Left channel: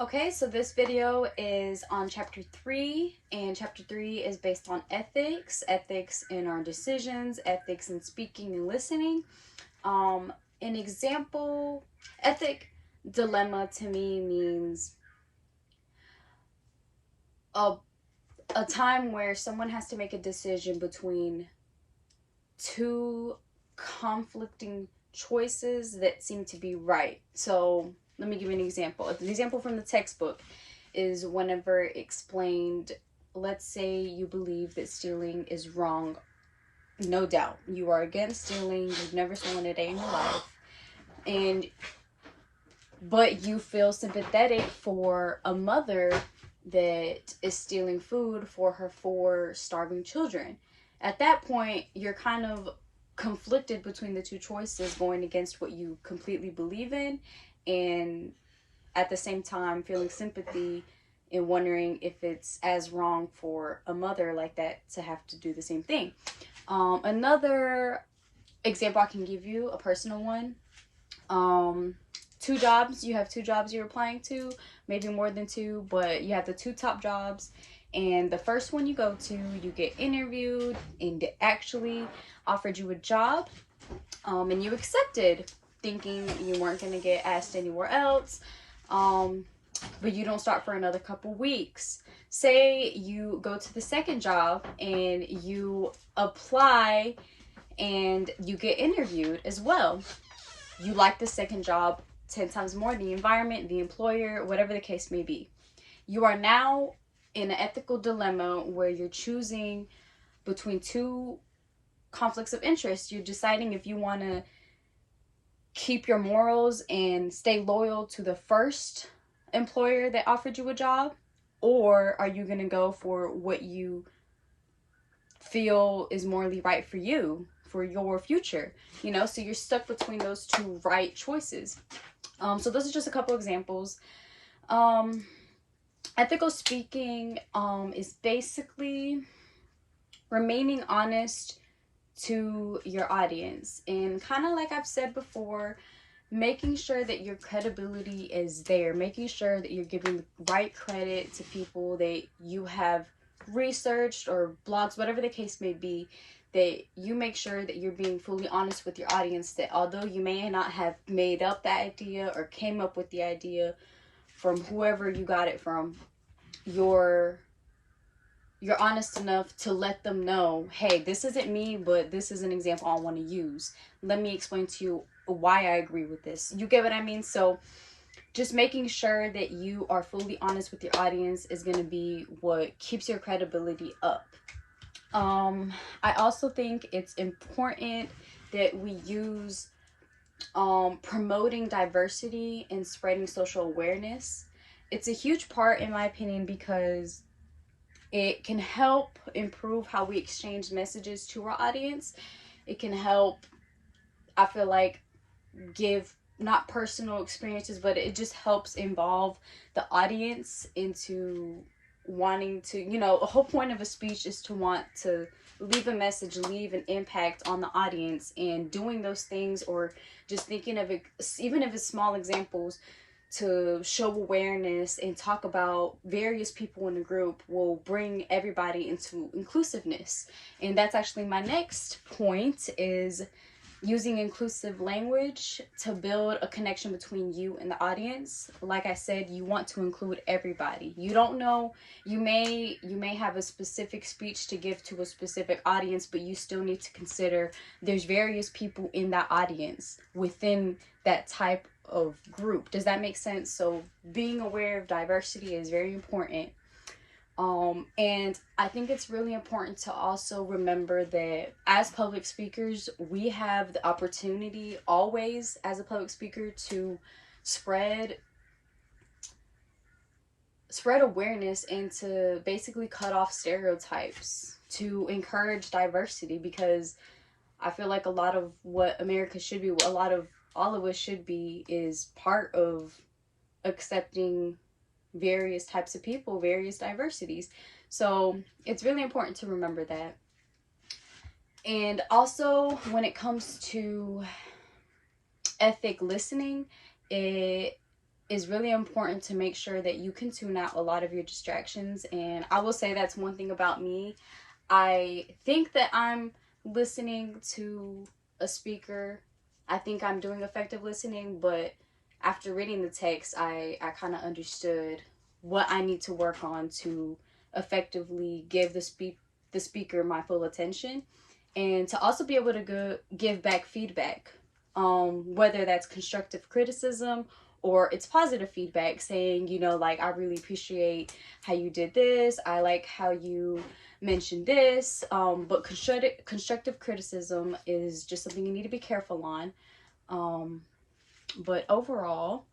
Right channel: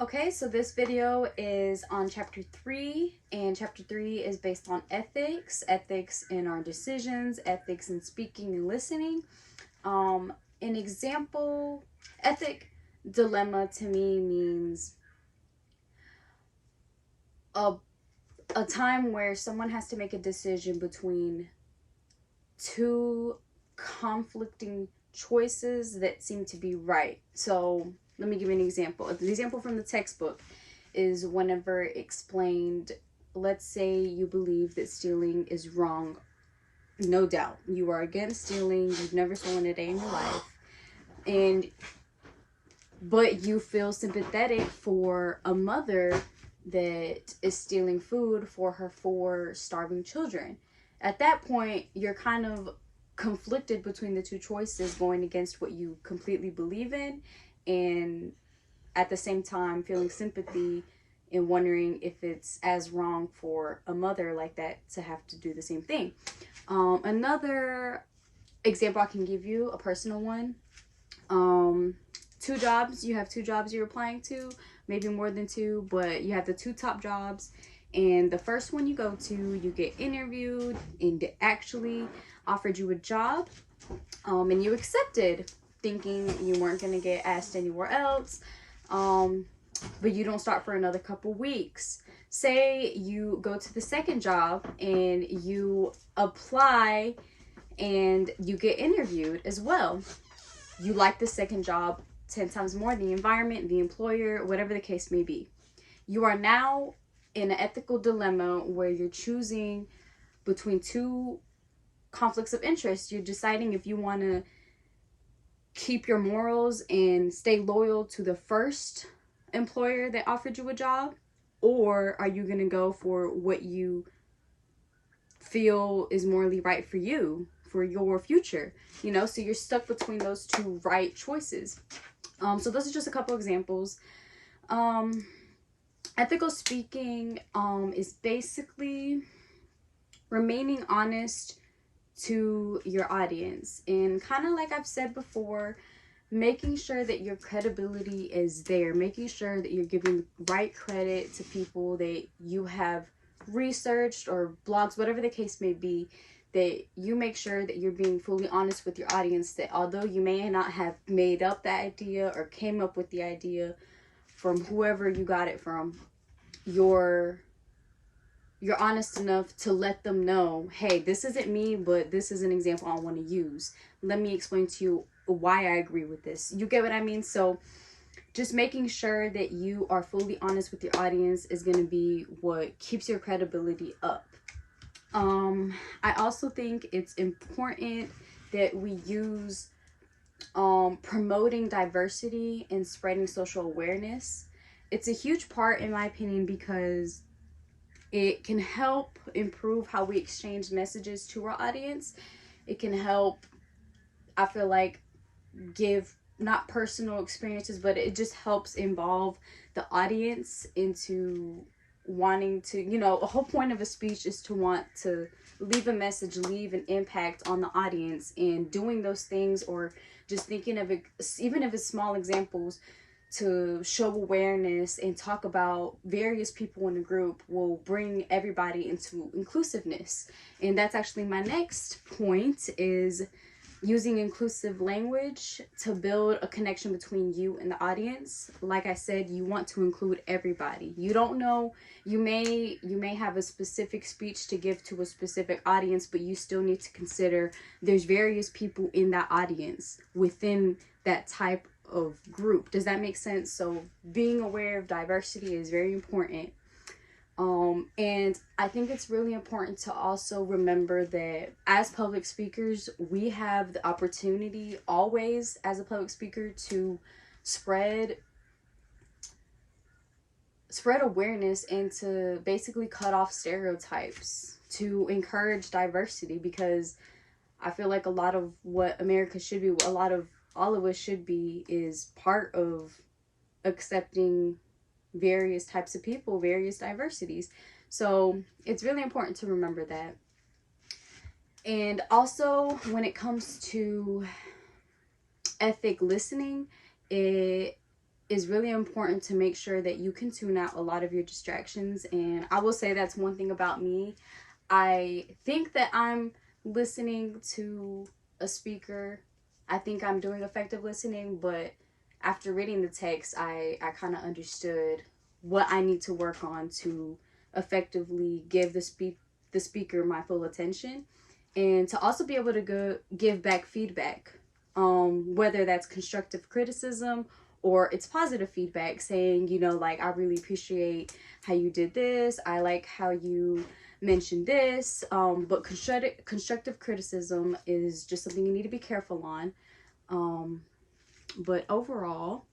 Okay, so this video is on chapter 3, and chapter 3 is based on ethics in our decisions, ethics in speaking and listening. An example, ethic dilemma to me means a, a time where someone has to make a decision between two conflicting choices that seem to be right. So let me give you an example. The example from the textbook is whenever explained, let's say you believe that stealing is wrong. No doubt. You are against stealing. You've never stolen a day in your life. But you feel sympathetic for a mother that is stealing food for her 4 starving children. At that point, you're kind of conflicted between the two choices, going against what you completely believe in, and at the same time feeling sympathy and wondering if it's as wrong for a mother like that to have to do the same thing. Another example I can give you, a personal one. 2 jobs. You have 2 jobs you're applying to, maybe more than 2, but you have the 2 top jobs. And the first one you go to, you get interviewed and actually offered you a job, and you accepted, thinking you weren't going to get asked anywhere else. But you don't start for another couple weeks. Say you go to the second job and you apply and you get interviewed as well. You like the second job 10 times more, the environment, the employer, whatever the case may be. You are now in an ethical dilemma where you're choosing between 2 conflicts of interest. You're deciding if you want to keep your morals and stay loyal to the first employer that offered you a job, or are you going to go for what you feel is morally right for you, for your future, so you're stuck between those 2 right choices. So those are just a couple examples. Ethical speaking is basically remaining honest to your audience, and kind of like I've said before, making sure that your credibility is there, making sure that you're giving right credit to people that you have researched, or blogs, whatever the case may be, that you make sure that you're being fully honest with your audience, that although you may not have made up the idea or came up with the idea from whoever you got it from, you're honest enough to let them know, hey, this isn't me, but this is an example I want to use. Let me explain to you why I agree with this. You get what I mean? So just making sure that you are fully honest with your audience is going to be what keeps your credibility up. I also think it's important that we use promoting diversity and spreading social awareness. It's a huge part, in my opinion, because it can help improve how we exchange messages to our audience. It can help, I feel like, give not personal experiences, but it just helps involve the audience into wanting to, a whole point of a speech is to want to leave a message, leave an impact on the audience, and doing those things, or just thinking of it, even if it's small examples, to show awareness and talk about various people in the group will bring everybody into inclusiveness. And that's actually my next point, is using inclusive language to build a connection between you and the audience. Like I said, you want to include everybody. You don't know, you may have a specific speech to give to a specific audience, but you still need to consider there's various people in that audience within that type of group. Does that make sense? So being aware of diversity is very important. And I think it's really important to also remember that as public speakers, we have the opportunity always as a public speaker to spread awareness and to basically cut off stereotypes, to encourage diversity, because I feel like a lot of what America should be, all of us should be, is part of accepting various types of people, various diversities. So it's really important to remember that. And also, when it comes to ethic listening, it it's really important to make sure that you can tune out a lot of your distractions. And I will say that's one thing about me. I think that I'm listening to a speaker. I think I'm doing effective listening, but after reading the text, I kind of understood what I need to work on to effectively give the speaker my full attention, and to also be able to give back feedback, whether that's constructive criticism or it's positive feedback, saying, you know, like, I really appreciate how you did this, I like how you mentioned this, but constructive criticism is just something you need to be careful on. But overall,